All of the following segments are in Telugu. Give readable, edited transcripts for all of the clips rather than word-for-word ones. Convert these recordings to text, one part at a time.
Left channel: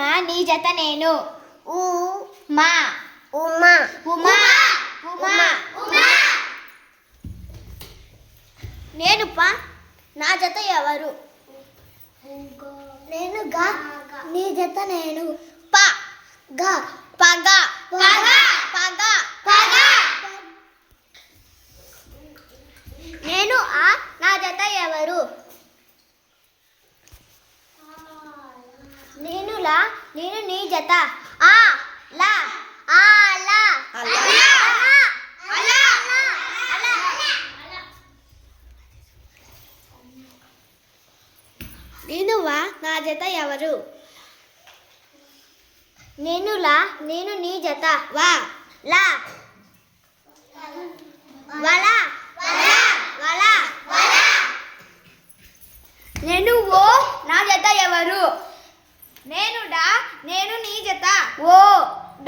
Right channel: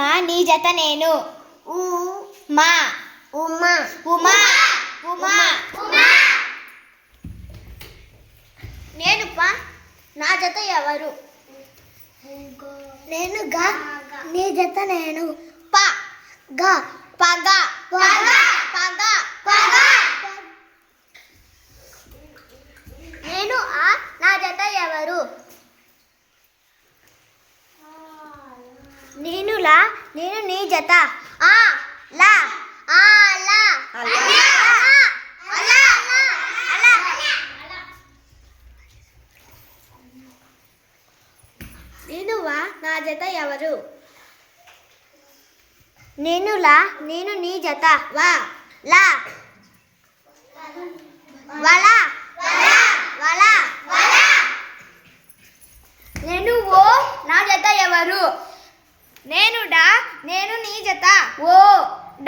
మా నీ జత నేను. ఊ మా ఉమా ఉమా ఉమా నేను పా నా జత ఎవరు? నేను గా నీ జత నేను. ప గా పగ పగ పగ పగ నేను ఆ నా జత ఎవరు? నేను లా నేను నీ జత. ఆ లా ఆ లా నేను వా నా జత ఎవరు? నేను లా నేను నీ జత. వా లా వలా వలా నేను ఓ నా జత ఎవరు? నేను డా నేను నీ జత. ఓ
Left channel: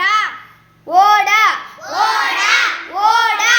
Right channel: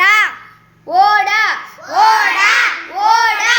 డా ఓడా ఓడా ఓడా